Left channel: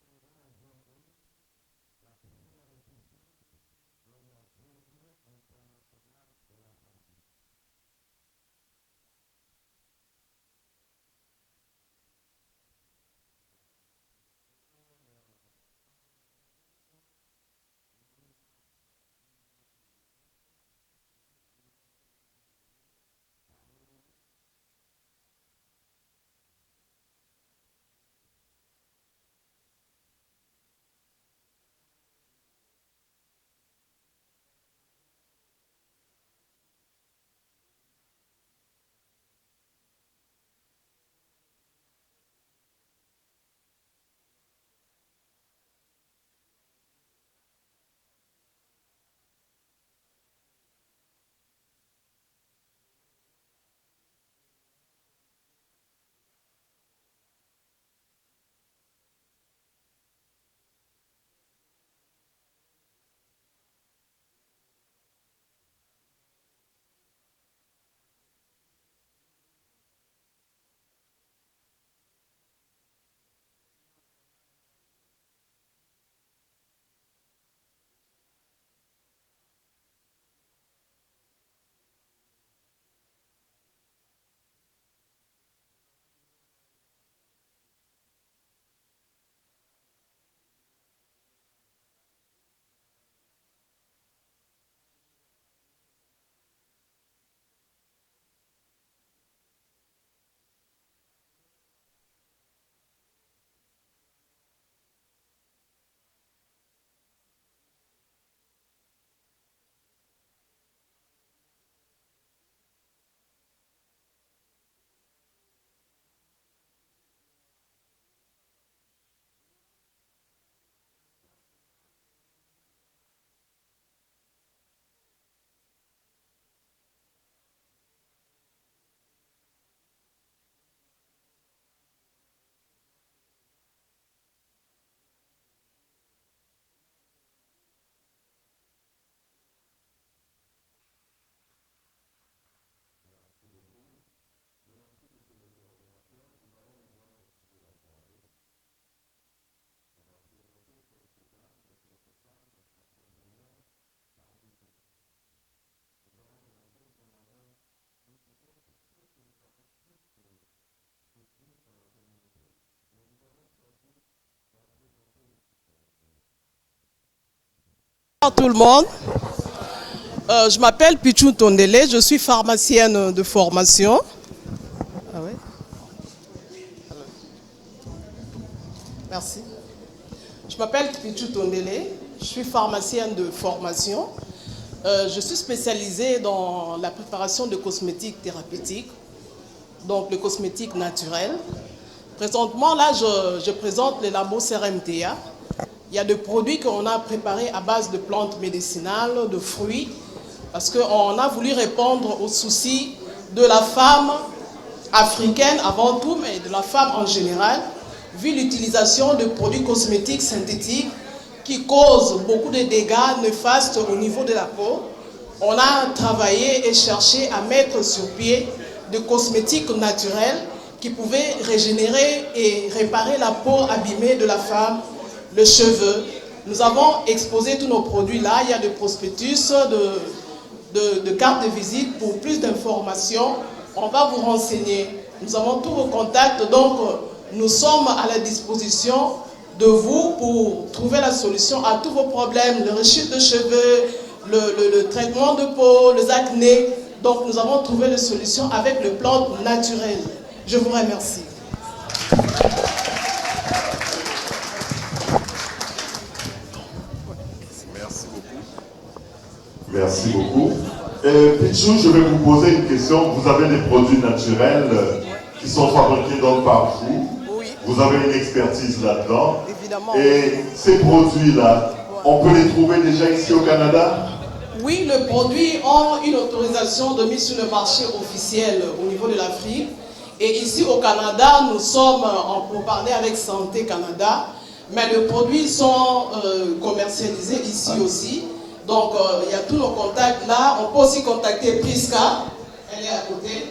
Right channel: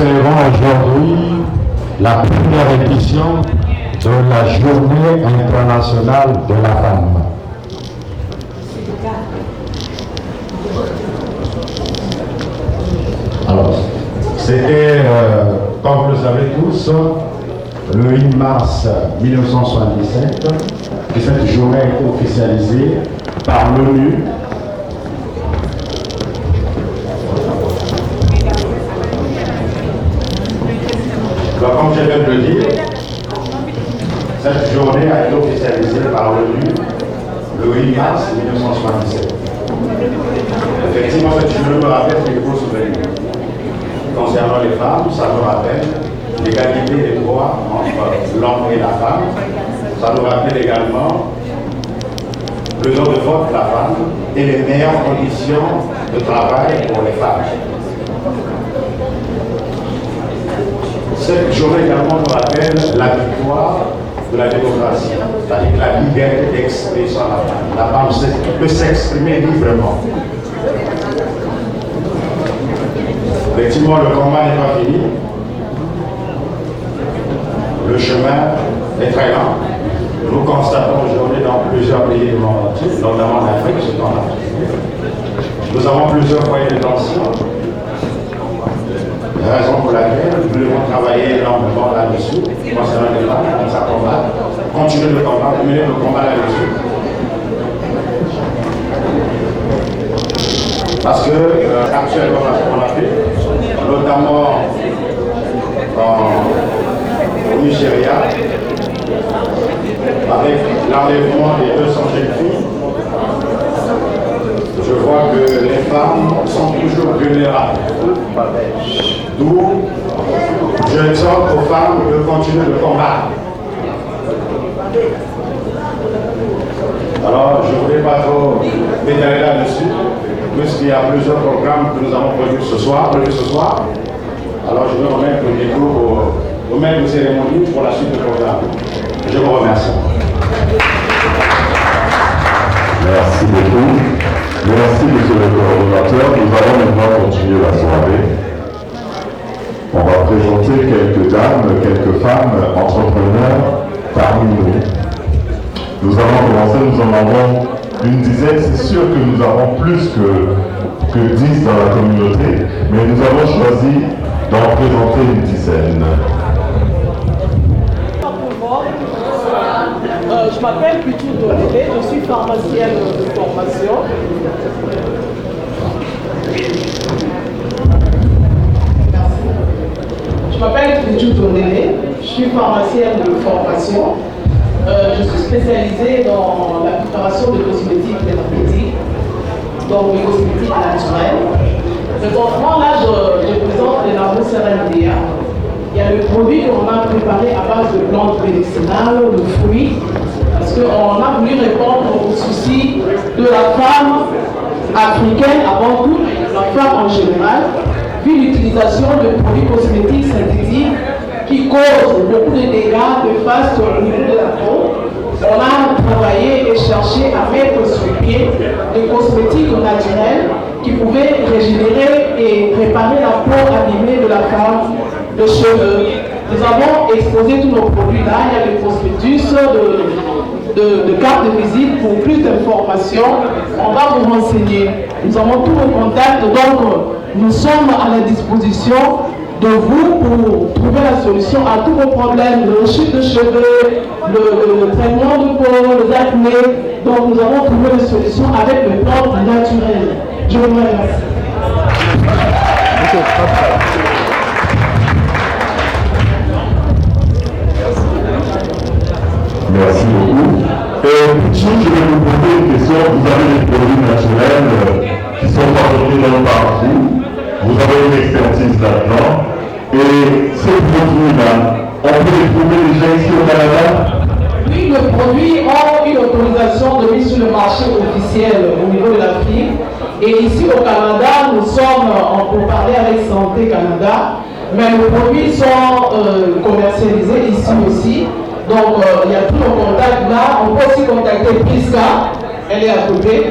célébrons aujourd'hui la première édition de la Journée internationale de la femme. Alors, c'était, comme vous le savez tous, le 8 mars 1977 que cette journée a été officialisée par l'ONU. Alors, comme je viens de le dire, cette journée a été officialisée par l'ONU le 8 mars 1977. Effectivement, cette journée me rappelle des beaux souvenirs. Concernant les femmes, ça nous rappelle l'égalité des droits entre l'homme et la femme. Ça nous rappelle également le droit de vote de la femme et les meilleures conditions de travail pour les femmes. Cette journée également nous rappelle la victoire de la démocratie, c'est-à-dire la liberté d'expression à la femme. La femme peut s'exprimer librement. Effectivement, le combat n'est pas fini. Le chemin est très lent. Nous constatons aujourd'hui dans plusieurs pays du monde entier, notamment en Afrique, ce temps-là. Nous avons plusieurs foyers de tension. Raison pour laquelle nous devons travailler énormément là-dessus, concernant les femmes, dans sa combat, continuer le combat, mener le combat là-dessus. Parce que actuellement, on a fait, notamment au Nigeria, avec l'enlèvement des 200 jeunes filles, je vois que les femmes sont toujours vulnérables. D'où je exhorte aux femmes de continuer le combat. Alors, je ne voulais pas trop m'étaler là-dessus, puisqu'il y a plusieurs programmes que nous avons prévus ce soir. Alors, je vais remettre le micro au maître de cérémonie pour la suite du programme. Je vous remercie. Merci beaucoup. Merci, monsieur le coordonnateur. Nous allons maintenant continuer la soirée. On va présenter quelques dames, quelques femmes entrepreneurs parmi nous. Nous allons commencer, nous en avons une dizaine. C'est sûr que nous avons plus que 10 dans la communauté, mais nous avons choisi d'en présenter une dizaine. Bonjour tout le monde. Je m'appelle Pichou Tondele, je suis pharmacienne de formation. Merci. Je m'appelle Pichou Tondele, je suis pharmacienne de formation. Je suis spécialisée dans la préparation de cosmétiques thérapeutiques, donc de cosmétiques naturels. Présentement, là, je présente les Labo-Serendea. Il y a des produits qu'on a préparés à base de plantes médicinales, de fruits, parce qu'on a voulu répondre aux soucis de la femme africaine avant tout, et de la femme en général, vu l'utilisation de produits cosmétiques synthétiques qui causent beaucoup de dégâts néfastes au niveau de la peau. On a travaillé et cherché à mettre sur pied des cosmétiques naturels qui pouvaient régénérer et réparer la peau abîmée de la femme, de cheveux. Nous avons exposé tous nos produits là. Il y a des prospectus, de cartes de visite. Pour plus d'informations, on va vous renseigner. Nous avons tous vos contacts, donc nous sommes à la disposition de vous pour trouver la solution à tous vos problèmes de chute de cheveux, de traitement de peau, les acnés. Donc nous avons trouvé la solution avec des plantes naturelles. Je vous remercie. Merci beaucoup. Je vais vous poser une question. Vous avez des produits naturels qui sont fabriqués donc par vous. Vous avez une expertise là-dedans. Et ces produits-là, on peut les trouver déjà ici au Canada? Oui, les produits ont une autorisation de mise sur le marché officiel au niveau de l'Afrique. Et ici au Canada, nous sommes en pourparlers avec Santé Canada. Mais les produits sont commercialisés ici aussi. Donc il y a tous nos contacts là. On peut aussi contacter Priska, elle est à côté.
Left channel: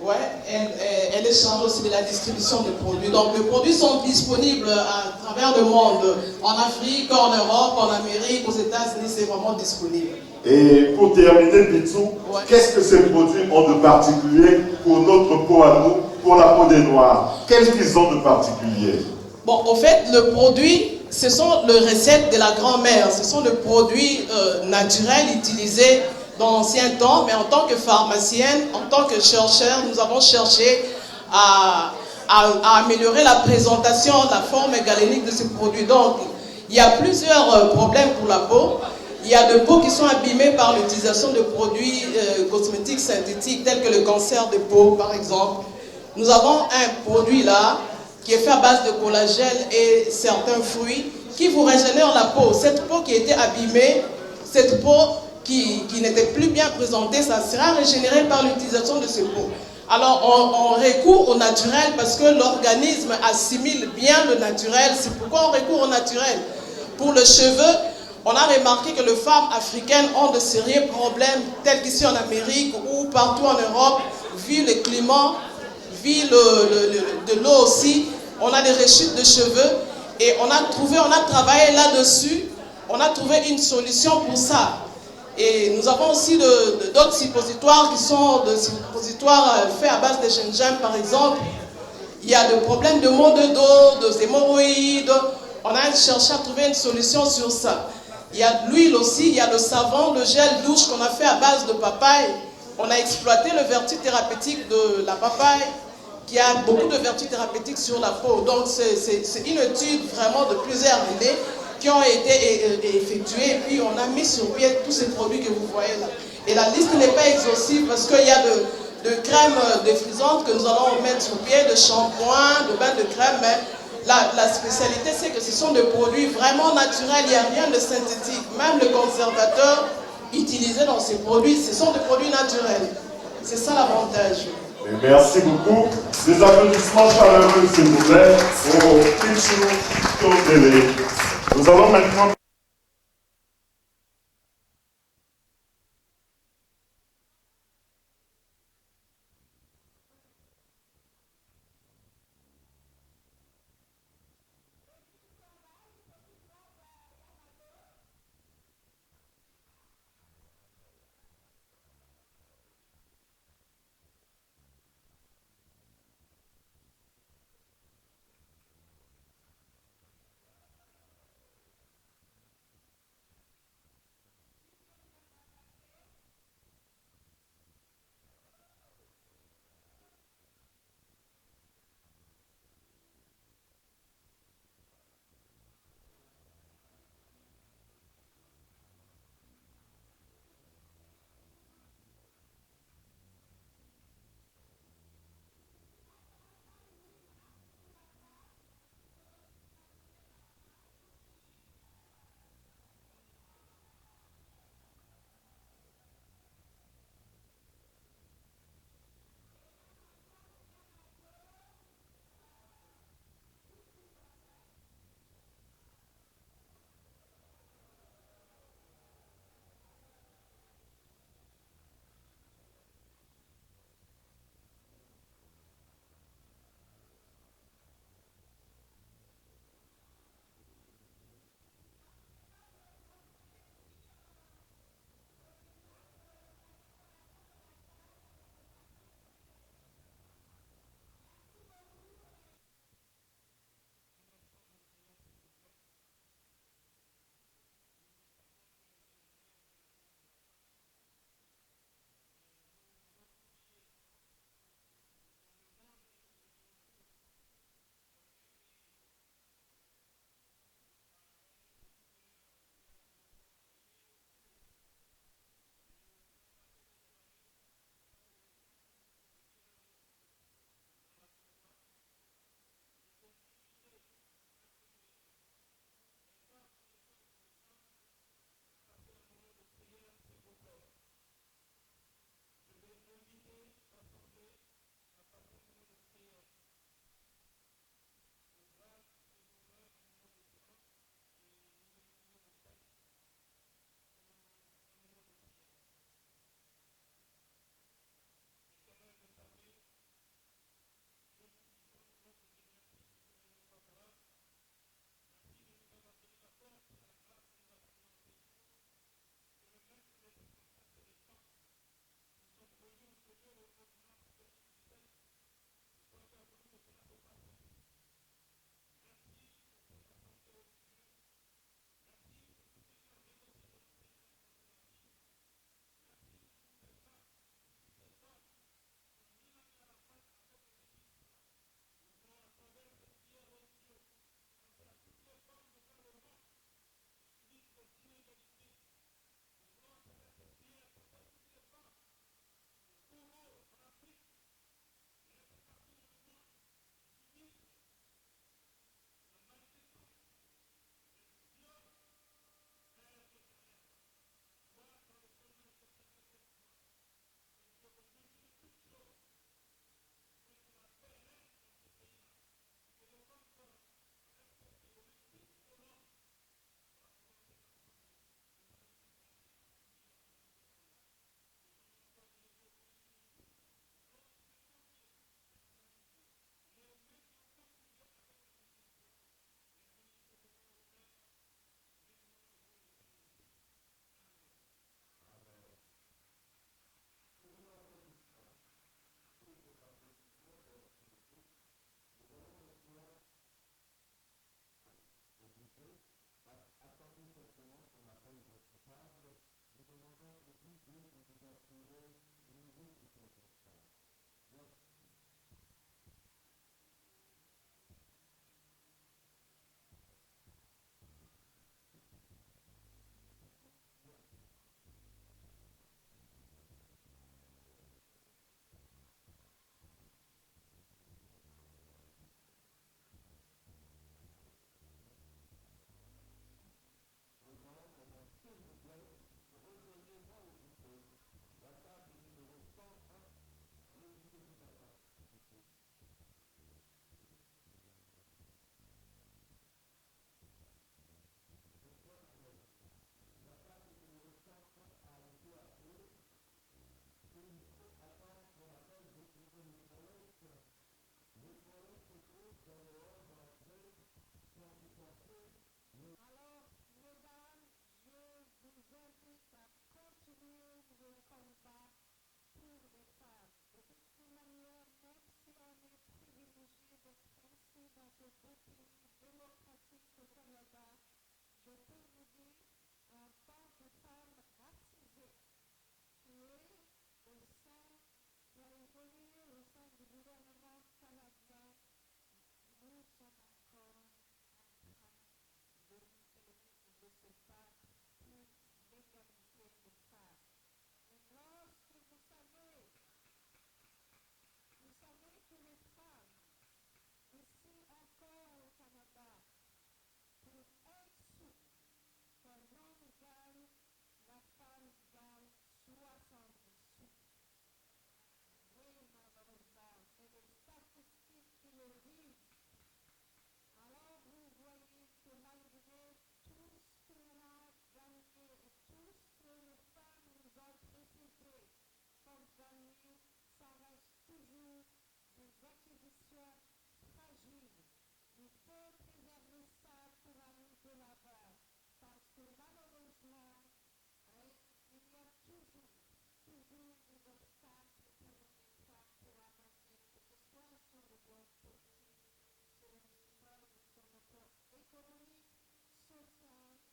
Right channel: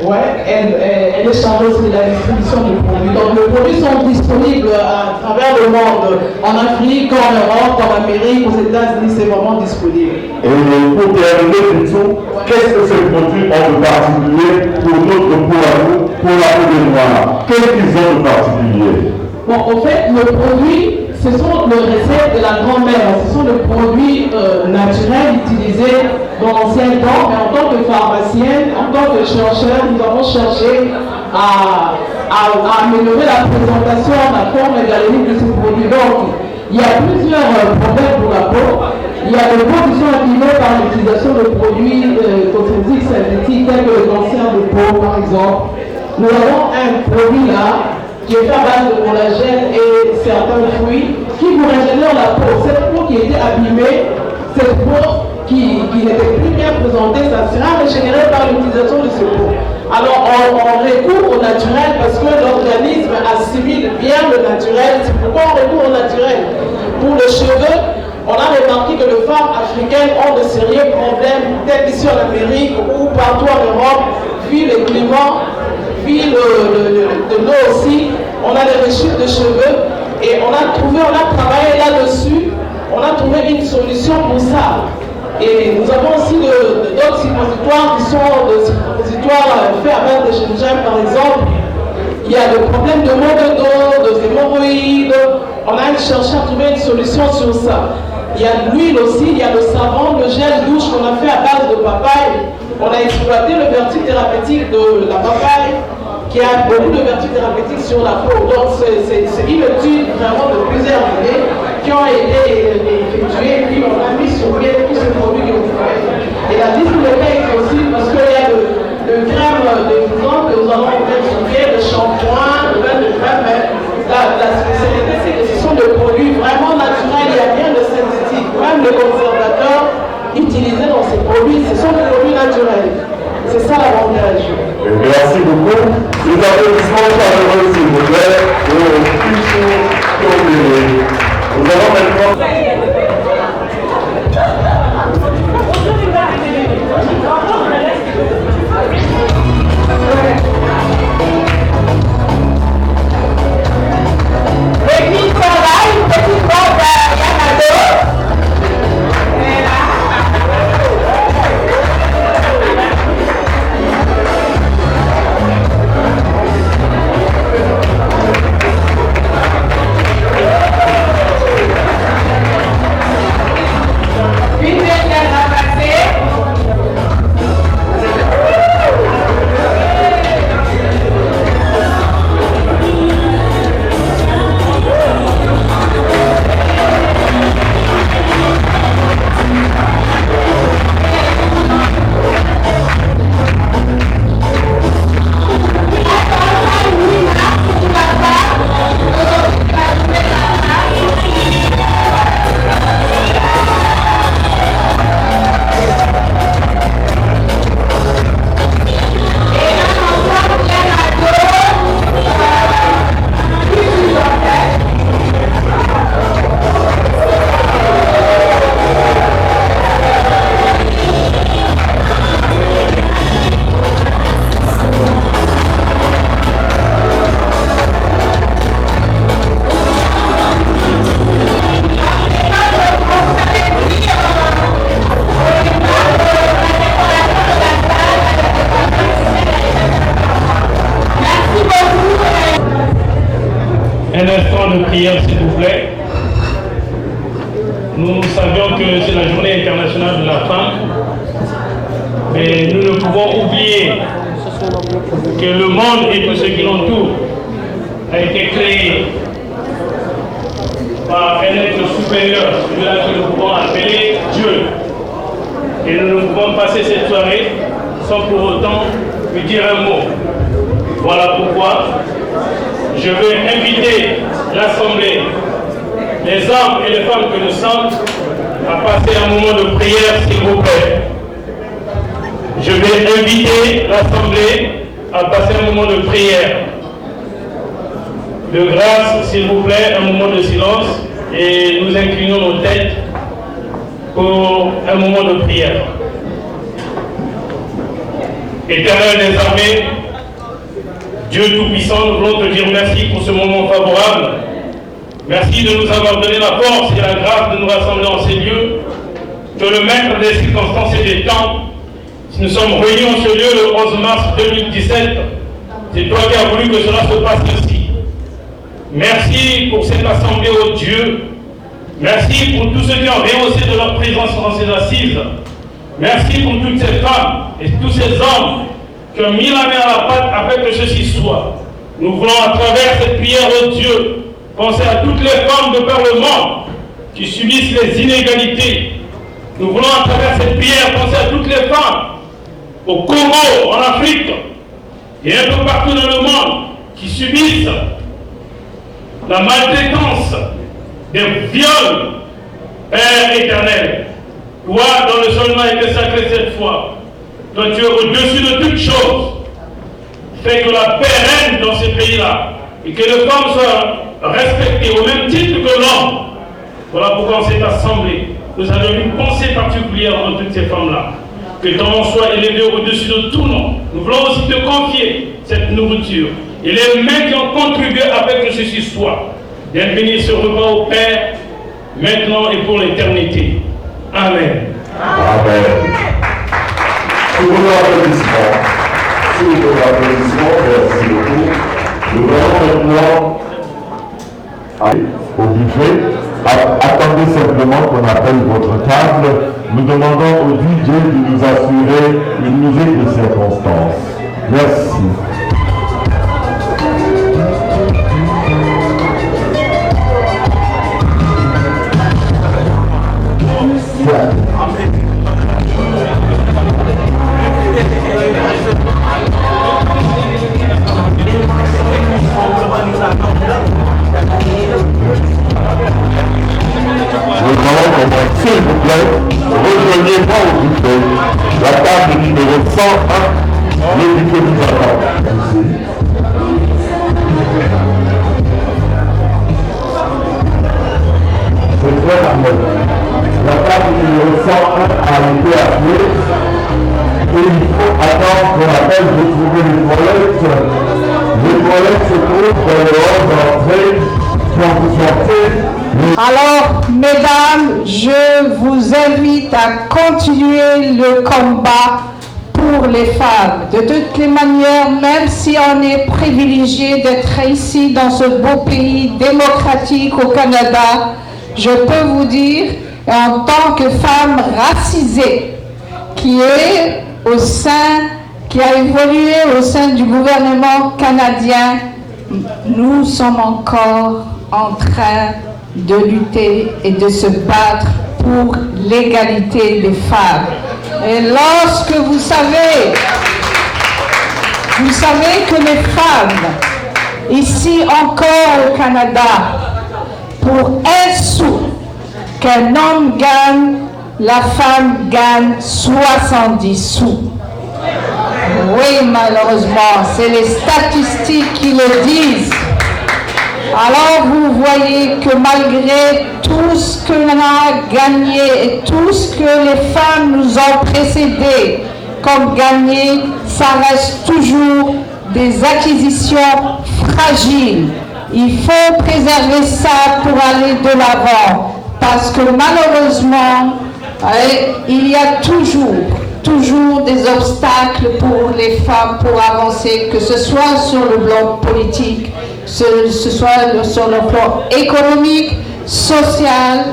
Ouais, elle est chargée aussi de la distribution du produit. Donc les produits sont disponibles à travers le monde, en Afrique, en Europe, en Amérique, aux États-Unis, c'est vraiment disponible. Et pour terminer, plutôt, qu'est-ce que ces produits ont de particulier pour notre peau à nous, pour la peau des Noirs? Qu'est-ce qu'ils ont de particulier? Bon, en fait, le produit, ce sont les recettes de la grand-mère, ce sont les produits naturels utilisés dans l'ancien temps, mais en tant que pharmacienne, en tant que chercheur, nous avons cherché à améliorer la présentation, la forme hygiénique de ces produits. Donc, il y a plusieurs problèmes pour la peau. Il y a des peaux qui sont abîmées par l'utilisation de produits cosmétiques synthétiques tels que le cancer de peau, par exemple. Nous avons un produit là qui est fait à base de collagène et certains fruits qui vous régénèrent la peau. Cette peau qui était abîmée, cette peau qui n'était plus bien présentée, ça sera régénéré par l'utilisation de ce peau. Alors on recourt au naturel parce que l'organisme assimile bien le naturel. C'est pourquoi on recourt au naturel. Pour les cheveux, on a remarqué que les femmes africaines ont de sérieux problèmes, tels qu'ici en Amérique ou partout en Europe, vu le climat, vu de l'eau aussi. On a des rechutes de cheveux et on a travaillé là-dessus, on a trouvé une solution pour ça. Et nous avons aussi d'autres suppositoires qui sont des suppositoires faits à base de gingembre par exemple. Il y a le problème de maux de dos, de hémorroïdes. On a cherché à trouver une solution sur ça. Il y a de l'huile aussi, il y a le savon, le gel douche qu'on a fait à base de papaye. On a exploité le vertu thérapeutique de la papaye, qui a beaucoup de vertus thérapeutiques sur la peau. Donc c'est une étude vraiment de plusieurs années qui ont été effectuées, puis on a mis sur pied tous ces produits que vous voyez. Et la liste n'est pas exhaustive parce qu'il y a de crème défrisante que nous allons mettre sur pied, de shampoing, de bain de crème, mais la spécialité c'est que ce sont des produits vraiment naturels, il n'y a rien de synthétique. Même les conservateurs utilisés dans ces produits, ce sont des produits naturels. C'est ça l'avantage. Merci beaucoup. Les applaudissements chaleureux, s'il vous plaît, pour Pichou Tondele. Nous allons maintenant. Un instant de prière, s'il vous plaît. Nous savions que c'est la journée internationale de la femme, mais nous ne pouvons oublier que le monde et tout ce qui l'entoure a été créé par un être supérieur, celui-là que nous pouvons appeler Dieu. Et nous ne pouvons passer cette soirée sans pour autant lui dire un mot. Voilà pourquoi je veux inviter l'Assemblée, les hommes et les femmes que nous sommes, à passer un moment de prière, s'il vous plaît. Je vais inviter l'Assemblée à passer un moment de prière. De grâce, s'il vous plaît, un moment de silence et nous inclinons nos têtes pour un moment de prière. Éternel des armées, Dieu Tout-Puissant, nous voulons te dire merci pour ce moment favorable. Merci de nous avoir donné la force et la grâce de nous rassembler en ces lieux. Que le maître des circonstances et des temps, si nous sommes réunis en ce lieu le 11 mars 2017, c'est toi qui as voulu que cela se passe ainsi. Merci pour cette assemblée, ô Dieu. Merci pour tous ceux qui ont rehaussé de leur présence dans ces assises. Merci pour toutes ces femmes et tous ces hommes qui ont mis la main à la pâte afin que ceci soit. Nous voulons à travers cette prière, ô Dieu, penser à toutes les femmes de par le monde qui subissent les inégalités. Nous voulons à travers cette prière penser à toutes les femmes au Congo, en Afrique et un peu partout dans le monde qui subissent la maltraitance, des viols, Père éternel. Toi, dont le sol a été sacré cette fois, toi tu es au-dessus de toutes choses. Fais que la paix règne dans ces pays-là et que les femmes soient respectées au même titre que l'homme. Voilà pourquoi on s'est assemblés. Nous avons une pensée particulière dans toutes ces femmes-là. Que ton nom soit élevé au-dessus de tout nom. Nous voulons aussi te confier cette nourriture et les mains qui ont contribué afin que ceci soit. Viens bénir ce repas au Père, maintenant et pour l'éternité. Amen. Amen. Sous vos applaudissements, merci beaucoup. Nous allons maintenant aller au buffet. Attendez simplement qu'on appelle votre table. Nous demandons au DJ de nous assurer une musique de circonstance. Merci. S'il vous plaît, rejoignez-moi au buffet. La table numéro 101, le buffet vous attend. C'est très normal. La table numéro 101 a été appelée et il faut attendre qu'on appelle de trouver les toilettes. Les toilettes se trouvent dans le hall d'entrée quand vous sortez. Alors, mesdames, je vous invite à continuer le combat pour les femmes. De toutes les manières, même si on est privilégié d'être ici dans ce beau pays démocratique au Canada, je peux vous dire, en tant que femme racisée, qui a évolué au sein du gouvernement canadien, nous sommes encore en train de lutter et de se battre pour l'égalité des femmes. Et lorsque vous savez que les femmes, ici encore au Canada, pour un sou qu'un homme gagne, la femme gagne 70 sous. Oui, malheureusement, c'est les statistiques qui le disent. Alors vous voyez que malgré tout ce que l'on a gagné et tout ce que les femmes nous ont précédé comme gagné, ça reste toujours des acquisitions fragiles. Il faut préserver ça pour aller de l'avant parce que malheureusement, il y a toujours des obstacles pour les femmes pour avancer, que ce soit sur le plan politique, ce soit sur le plan économique, social,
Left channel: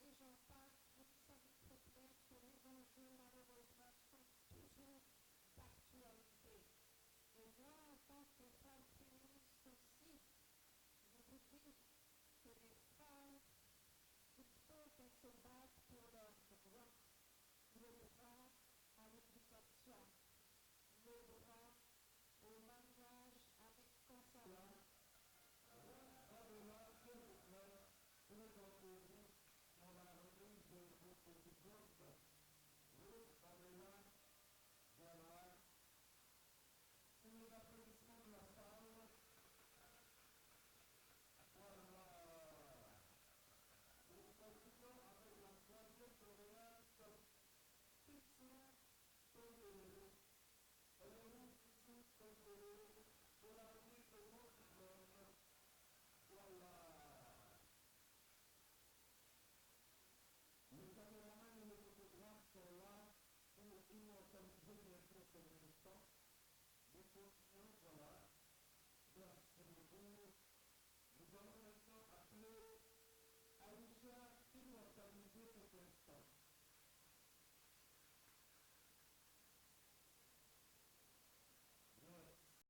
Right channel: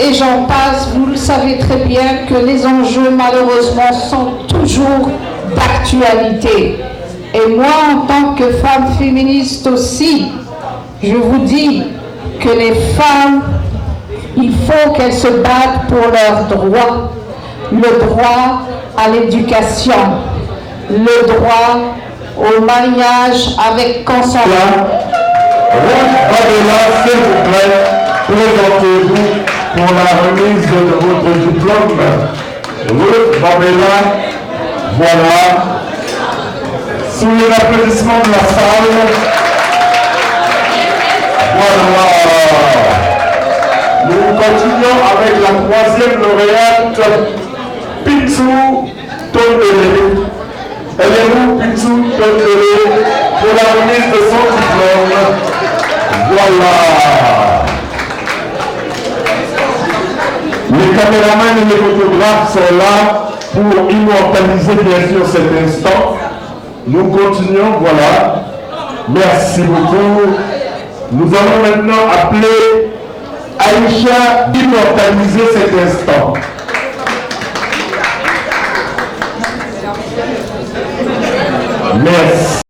et j'en passe. Vous le savez très bien que les enjeux, malheureusement, sont toujours d'actualité. Et moi, en tant que femme féministe aussi, je vous dis que les femmes, il faut qu'elles se battent pour leurs droits. Le droit à l'éducation, le droit au mariage avec consentement. Ruth Babella, s'il vous plaît, présentez-vous pour la remise de votre diplôme. Ruth Babella, voilà. Sous les applaudissements de la salle, voilà. Nous continuons avec la troisième lauréate, Pitou Tondele. Aimez-vous plutôt pour la remise de son diplôme? Voilà. Les caméramans et les photographes sont là pour immortaliser bien sûr cet instant. Nous continuons, voilà. Merci beaucoup. Nous allons maintenant appeler Aïcha d'immortaliser cet instant.